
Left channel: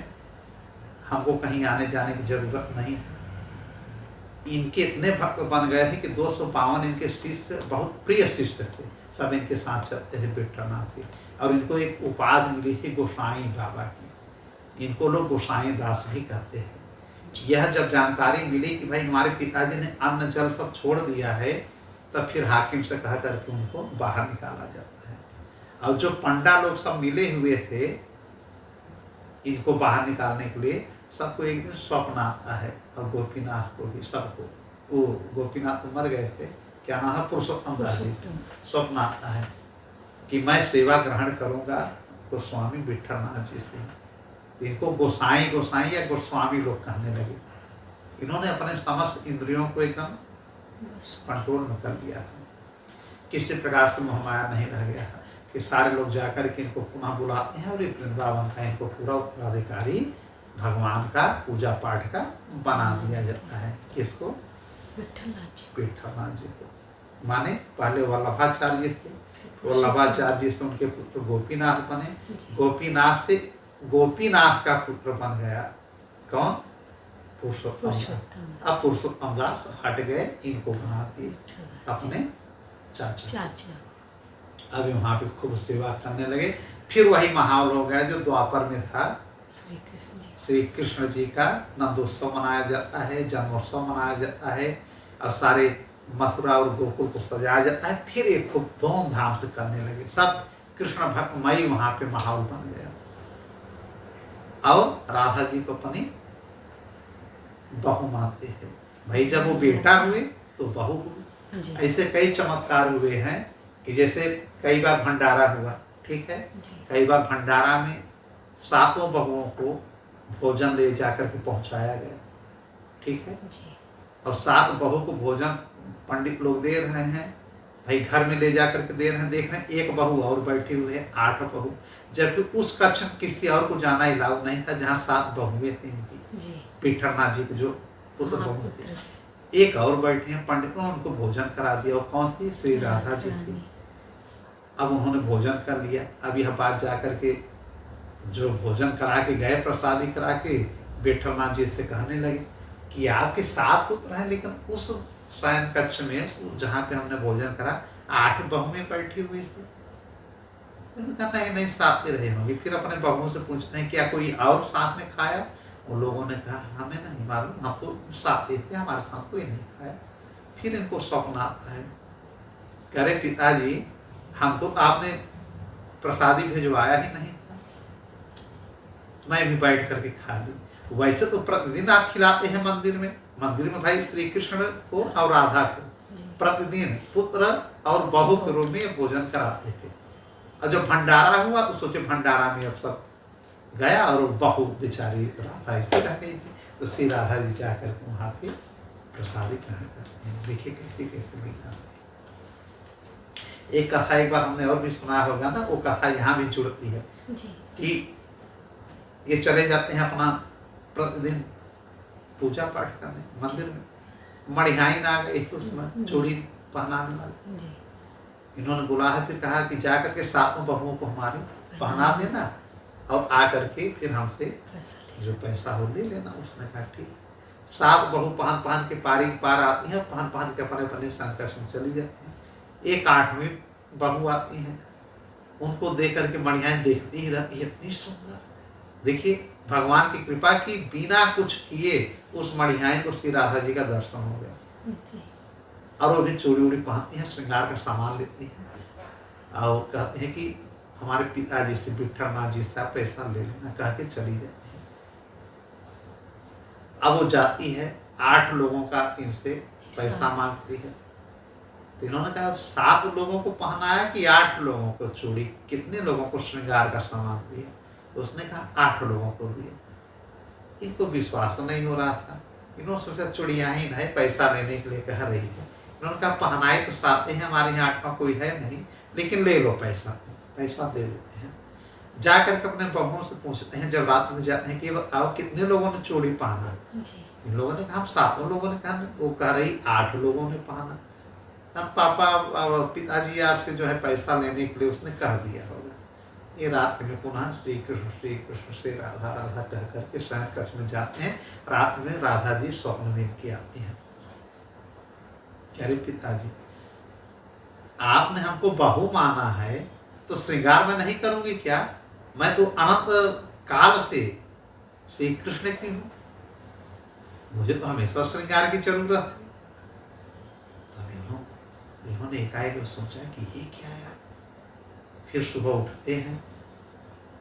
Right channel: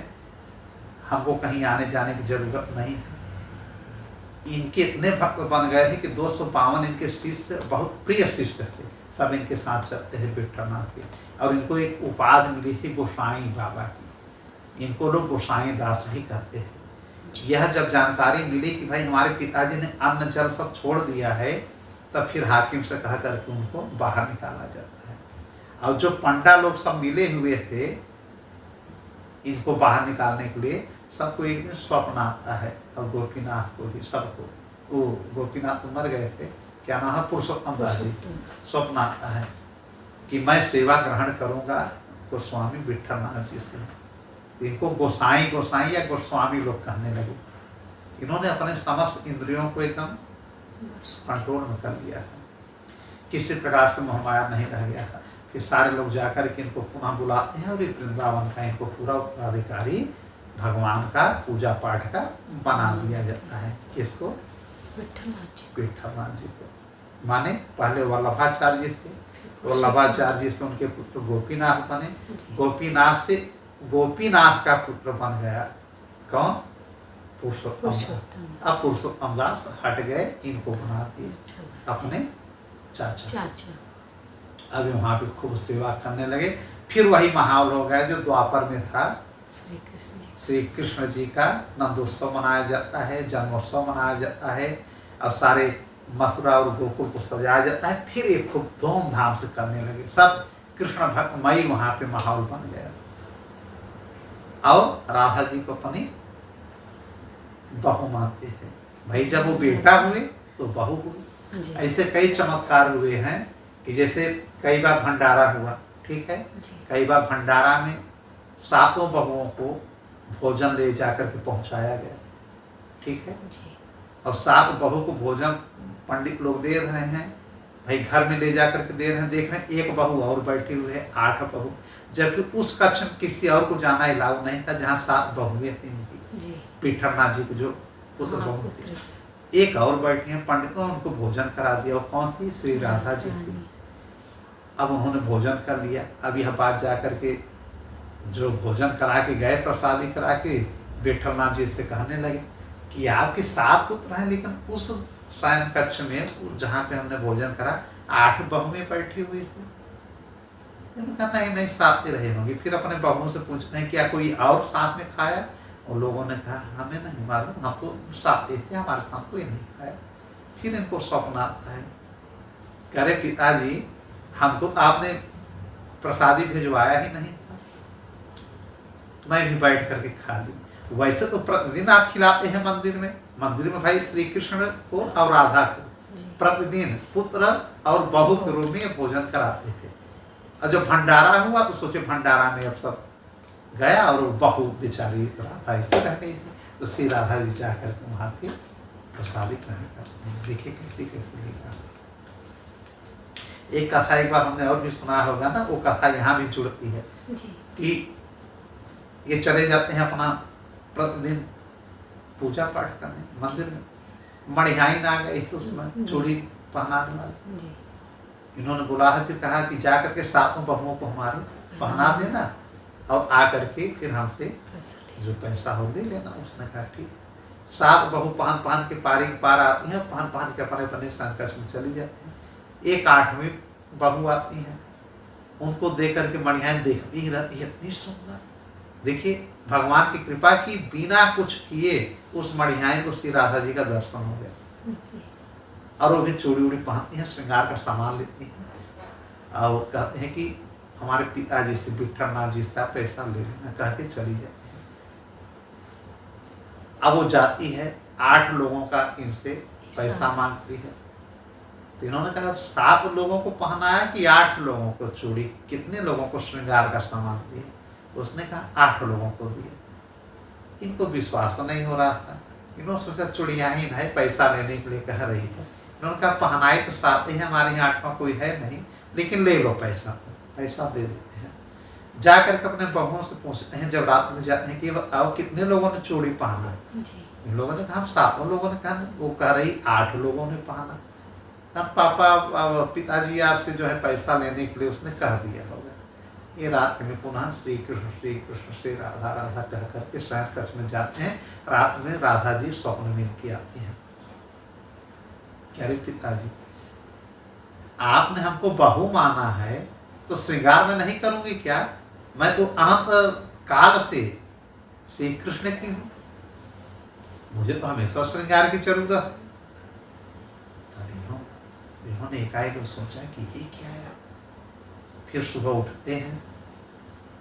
हमको कहीं आने जाने की जरूरत नहीं है। इनके इतने भक्त बन गए थे कि 252 इनके शिष्य, बहुत प्रिय शिष्य थे, सब इनके साथ चलते हैं विठलनाथ के। और इनको एक उपाधि मिली थी गोसाई बाबा की, इनको लोग गोसाई दास भी कहते हैं। यह जब जानकारी मिली कि भाई हमारे पिताजी ने अन्न जल सब छोड़ दिया है, तब फिर हाकिम से कह करके उनको बाहर निकाला जाता है। और जो पंडा लोग सब मिले हुए थे इनको बाहर निकालने के लिए, सबको एक दिन स्वप्न आता है, और गोपीनाथ को भी, सबको। वो गोपीनाथ तो मर गए थे, क्या नाम है, पुरुषोत्तम दास जी। स्वप्न आता है कि मैं सेवा ग्रहण करूँगा गोस्वामी विठलनाथ जी से। इनको गोसाई या गोस्वामी लोग कहने लगे। इन्होंने अपने समस्त इंद्रियों को एकदम कंट्रोल में कर लिया है, किसी प्रकार से मोहमाया नहीं रह गया है। कि सारे लोग जाकर के इनको पुनः बुलाते हैं, और ये वृंदावन का इनको पूरा उत्तराधिकारी भगवान का पूजा पाठ का बना दिया जाता है। किसको? विठलनाथ जी को। माने पहले वल्लभाचार्य जी थे, वल्लभाचार्य जी से उनके पुत्र गोपीनाथ बने, गोपीनाथ से गोपीनाथ का पुत्र बन गया कौन? पुरुषोत्तम। अब पुरुषोत्तम दास हट गए, इनको बना दिए अपने चाचा। अब वहाँ पे खूब सेवा करने लगे। फिर वही माहौल हो गया जो द्वापर में था। श्री कृष्ण जी का नंदोत्सव मनाया जाता है, जन्मोत्सव मनाया जाता है, और सारे मथुरा और गोकुल को सजाया जाता है। फिर ये खूब धूमधाम से करने लगे, सब कृष्ण भक्तमयी वहाँ पे माहौल बन गया। और राधा जी को अपनी बहू मानते हैं। भाई जब वो बेटा हुए तो बहू हुई। ऐसे कई चमत्कार हुए हैं कि जैसे कई बार भंडारा हुआ, ठीक है, कई बार भंडारा में सातों बहुओं को भोजन ले जाकर के पहुंचाया गया, ठीक है। जी। और 7 बहू को भोजन पंडित लोग दे रहे हैं, भाई घर में ले जाकर के दे रहे हैं, देख रहे हैं एक बहू और बैठी हुई है, 8 बहू, जबकि उस कक्ष में किसी और को जाना अलाउ नहीं था जहाँ 7 बहुएं थी इनकी, जी। पीठरनाथ जी के जो पुत्र हाँ, बहू पुत्र। थे। एक और बैठी हैं, पंडितों ने उनको भोजन करा दिया। और कौन थी? श्री राधा जी थी। रानी। अब उन्होंने भोजन कर लिया। अब यह बात जाकर के जो भोजन करा के गए, प्रसादी करा के, विठलनाथ जी से कहने लगे कि आपके 7 पुत्र हैं, लेकिन उस शयन कक्ष में जहाँ पे हमने भोजन करा 8 बहुएं बैठी हुई थी। उन्होंने कहा नहीं नहीं, 7 ही रहे होंगे। फिर अपने बहुओं से पूछते हैं क्या कोई और साथ में खाया? और लोगों ने कहा हमें नहीं मालूम, हम तो 7 ही थे, हमारे साथ कोई नहीं खाया। फिर इनको स्वप्न आता है, करे पिताजी हमको तो आपने प्रसादी भिजवाया ही नहीं था, मैं भी बैठ करके खा ली। वैसे तो प्रतिदिन आप खिलाते हैं मंदिर में भाई श्री कृष्ण को और राधा को प्रतिदिन पुत्र और बहू के रूप में भोजन कराते थे। और जब भंडारा हुआ तो सोचे भंडारा में अब सब गया और बहू बेचारी राधा इससे रह गई थी, तो श्री राधा जी जाकर के वहाँ पे प्रसादी ग्रहण करते हैं। देखिए कैसी कैसी लीला। एक कथा एक बार हमने और भी सुना होगा ना, वो कथा यहाँ भी जुड़ती है कि ये चले जाते हैं अपना प्रतिदिन पूजा पाठ करने मंदिर में। मणिहाइन आ गई तो उसमें चूड़ी पहनाने वाले, इन्होंने बुला है, फिर कहा कि जा करके 7 बहुओं को हमारी पहना देना और आ करके फिर हमसे जो पैसा हो ले लेना। उसने कहा ठीक है। 7 बहू पहन के पार आती हैं, पहन के अपने अपने संकट में चली जाती हैं। एक 8वीं बहू आती हैं, उनको देख करके मणिहाइन देखती ही रहती है, इतनी सुंदर। देखिए भगवान की कृपा की, बिना कुछ किए उस मणिहाइन को श्री राधा जी का दर्शन हो गया। और वो भी चूड़ी उड़ी पहनती हैं, श्रृंगार का सामान लेती हैं और कहते हैं कि हमारे पिताजी से, विठलनाथ जी से आप पैसा ले लेना, कह के चली जाती है। अब वो जाती है, 8 लोगों का इनसे पैसा मांगती है। तो इन्होंने कहा 7 लोगों को पहनाया कि 8 लोगों को चूड़ी, कितने लोगों को श्रृंगार का सामान दिए? उसने कहा 8 लोगों को दिए। इनको विश्वास नहीं हो रहा था। इन्होंने सोचा चूड़ियाँ ही नहीं, पैसा लेने के लिए कह रही है। इन्होंने कहा पहनाए तो 7 ही, हमारे यहाँ 8वां कोई है नहीं, लेकिन ले लो पैसा दे देते हैं। जा करके अपने बहुओं से पूछते हैं, जब रात में जाते हैं कि आओ कितने लोगों ने चूड़ी पहना? इन लोगों ने कहा हम 7 लोगों ने कहा। वो कह रही 8 लोगों ने पहना। पापा पिताजी आपसे जो है पैसा लेने के लिए उसने कह दिया होगा। ये रात में पुनः श्री कृष्ण से राधा राधा कह करके शयन कक्ष में जाते हैं। रात में राधा जी स्वप्न में इनकी आती हैं, कह रही पिताजी आपने हमको बहू माना है तो श्रृंगार में नहीं करूंगी क्या? मैं तो अनंत काल से श्री कृष्ण की हूं, मुझे तो हमेशा श्रृंगार की जरूरत है। इन्होंने एकाएक सोचा कि ये क्या है। फिर सुबह उठते हैं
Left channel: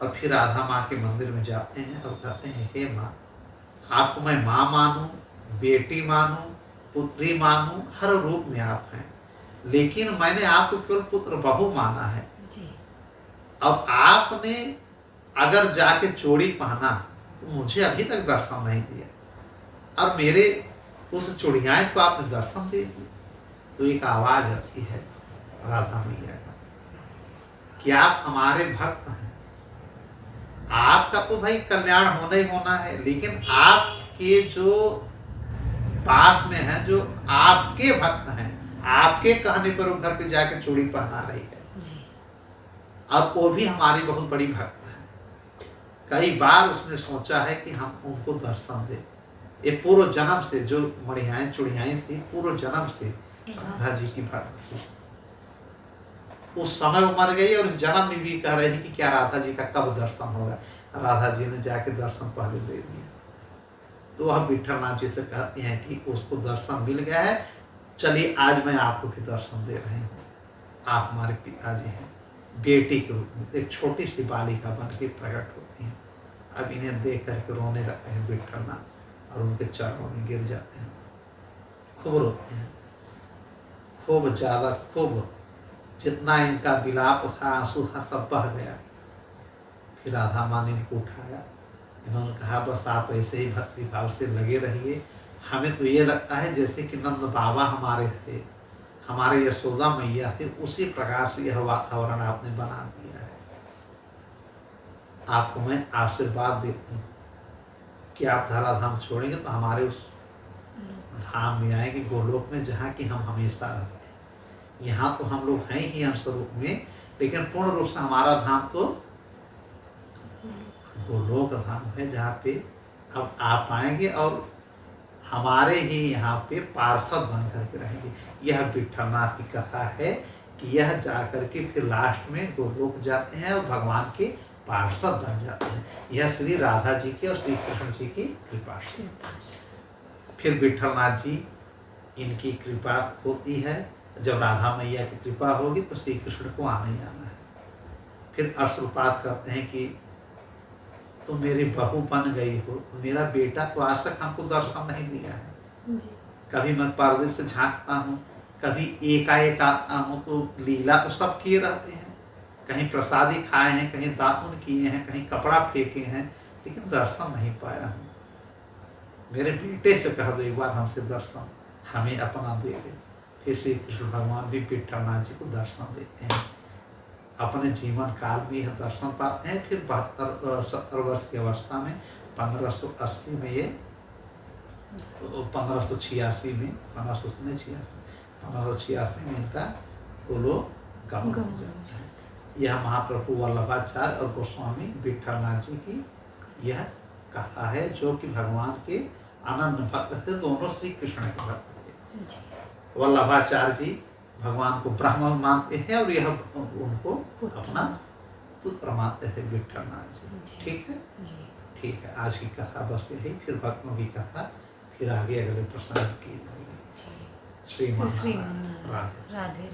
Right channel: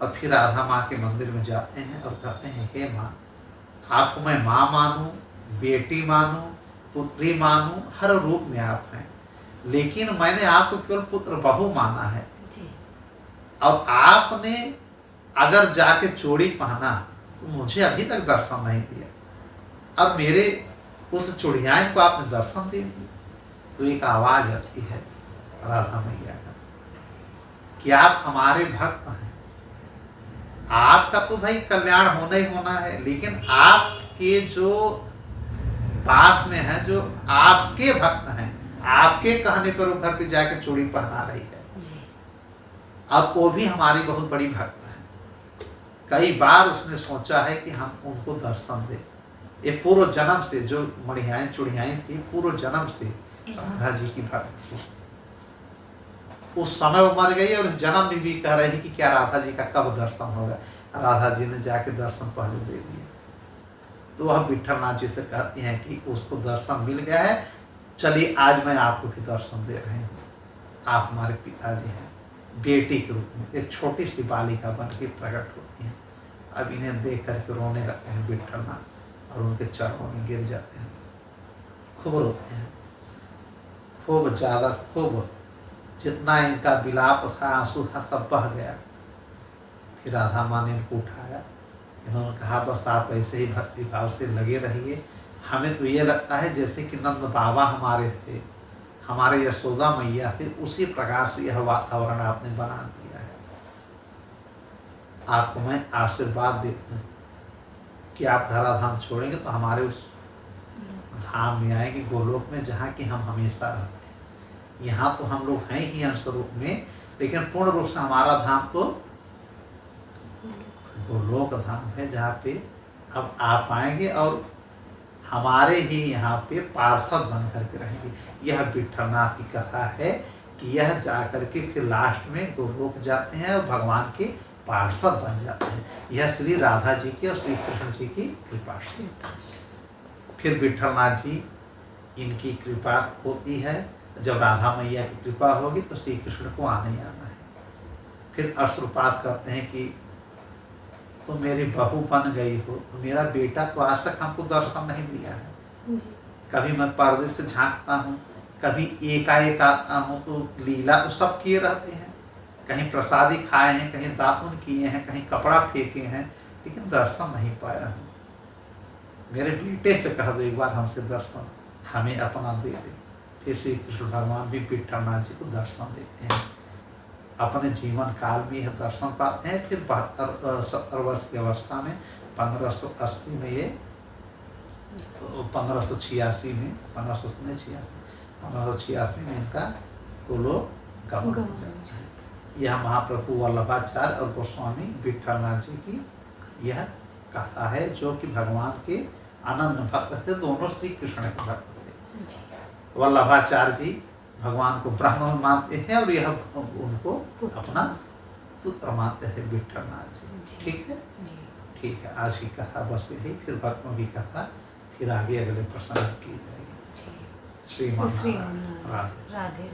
और फिर राधा माँ के मंदिर में जाते हैं और कहते हैं हे माँ, आपको मैं माँ मानूं, बेटी मानूं, पुत्री मानूं, हर रूप में आप हैं, लेकिन मैंने आपको केवल पुत्र बहू माना है। और आपने अगर जाके चूड़ी पहना तो मुझे अभी तक दर्शन नहीं दिया, और मेरे उस चूड़ियाँ को आपने दर्शन दे दी। तो एक आवाज आती है राधा मैया का कि आप हमारे भक्त हैं, आपका तो भाई कल्याण होना ही होना है, लेकिन आपके जो पास में है, जो आपके भक्त हैं, आपके कहने पर वो घर पे जाके चूड़ी पहना रही है। अब वो भी हमारी बहुत बड़ी भक्त है। कई बार उसने सोचा है कि हम उनको दर्शन दें। ये पूर्व जन्म से जो मणिहाइन चूड़ियाँ थी, पूर्व जन्म से राधा जी की भक्त थी। उस समय वो मर गई और इस जन्म में भी कह रही थी कि क्या राधा जी का कब दर्शन होगा। राधा जी ने जाके दर्शन पहले दे दिए। तो वह विठलनाथ जी से कहती हैं कि उसको दर्शन मिल गया है, चलिए आज मैं आपको भी दर्शन दे रही हूँ। आप हमारे पिताजी हैं, बेटी के रूप में एक छोटी सी बालिका बन के प्रकट होती हैं। अब इन्हें देख करके रोने लगते हैं विठलनाथ और उनके चरणों में गिर जाते हैं, खूब रोते हैं, खूब ज़्यादा, खूब जितना इनका विलाप था, आंसू था, सब बह गया। फिर राधा माँ ने इनको उठाया, इन्होंने कहा बस आप ऐसे ही भक्ति भाव से लगे रहिए। हमें तो ये लगता है जैसे कि नंद बाबा हमारे थे, हमारे यशोदा मैया थे, उसी प्रकार से यह वातावरण आपने बना दिया है। आपको मैं आशीर्वाद देता हूँ कि आप धराधाम छोड़ेंगे तो हमारे उस धाम में आएंगे, गोलोक में, जहाँ कि हम हमेशा रहते हैं। यहाँ तो हम लोग हैं ही अंश रूप में, लेकिन पूर्ण रूप से हमारा धाम तो गोलोक धाम है, जहाँ पे अब आप आएंगे और हमारे ही यहाँ पे पार्षद बन करके रहेंगे। यह विठलनाथ की कथा है कि यह जाकर के फिर लास्ट में गोलोक जाते हैं और भगवान के पार्षद बन जाते हैं। यह श्री राधा जी की और श्री कृष्ण जी की कृपा से। फिर विठलनाथ जी, इनकी कृपा होती है। जब राधा मैया की कृपा होगी तो श्री कृष्ण को आना ही आना है। फिर अश्रुपात करते हैं कि तुम मेरी बहू बन गई हो, तो मेरा बेटा तो आज तक हमको दर्शन नहीं दिया है। कभी मैं पर्दे से झांकता हूँ, कभी एकाएक आता हूँ, तो लीला तो सब किए रहते हैं। कहीं प्रसादी खाए हैं, कहीं दातुन किए हैं, कहीं कपड़ा फेंके हैं, लेकिन दर्शन नहीं पाया हूँ। मेरे बेटे से कह दो एक बार हमसे दर्शन हमें अपना दे दे। फिर श्री कृष्ण भगवान भी विठलनाथ जी को दर्शन देते हैं। अपने जीवन काल में यह दर्शन पाते हैं। फिर 70 वर्ष की अवस्था में 1580 में ये 1586 में 1586 में इनका गोलोक गमन हो जाता है। यह महाप्रभु वल्लभाचार्य और गोस्वामी विठलनाथ जी की यह कथा है, जो कि भगवान के अनन्य भक्त थे। दोनों श्री कृष्ण के भक्त थे। वल्लभाचार्य जी भगवान को ब्रह्म मानते हैं और यह उनको अपना पुत्र मानते हैं, विठलनाथ जी। ठीक है, ठीक है। आज की कथा बस यही, फिर भक्तों की कथा फिर आगे अगले प्रसंग की जाएगी। श्रीमन राधे राधे।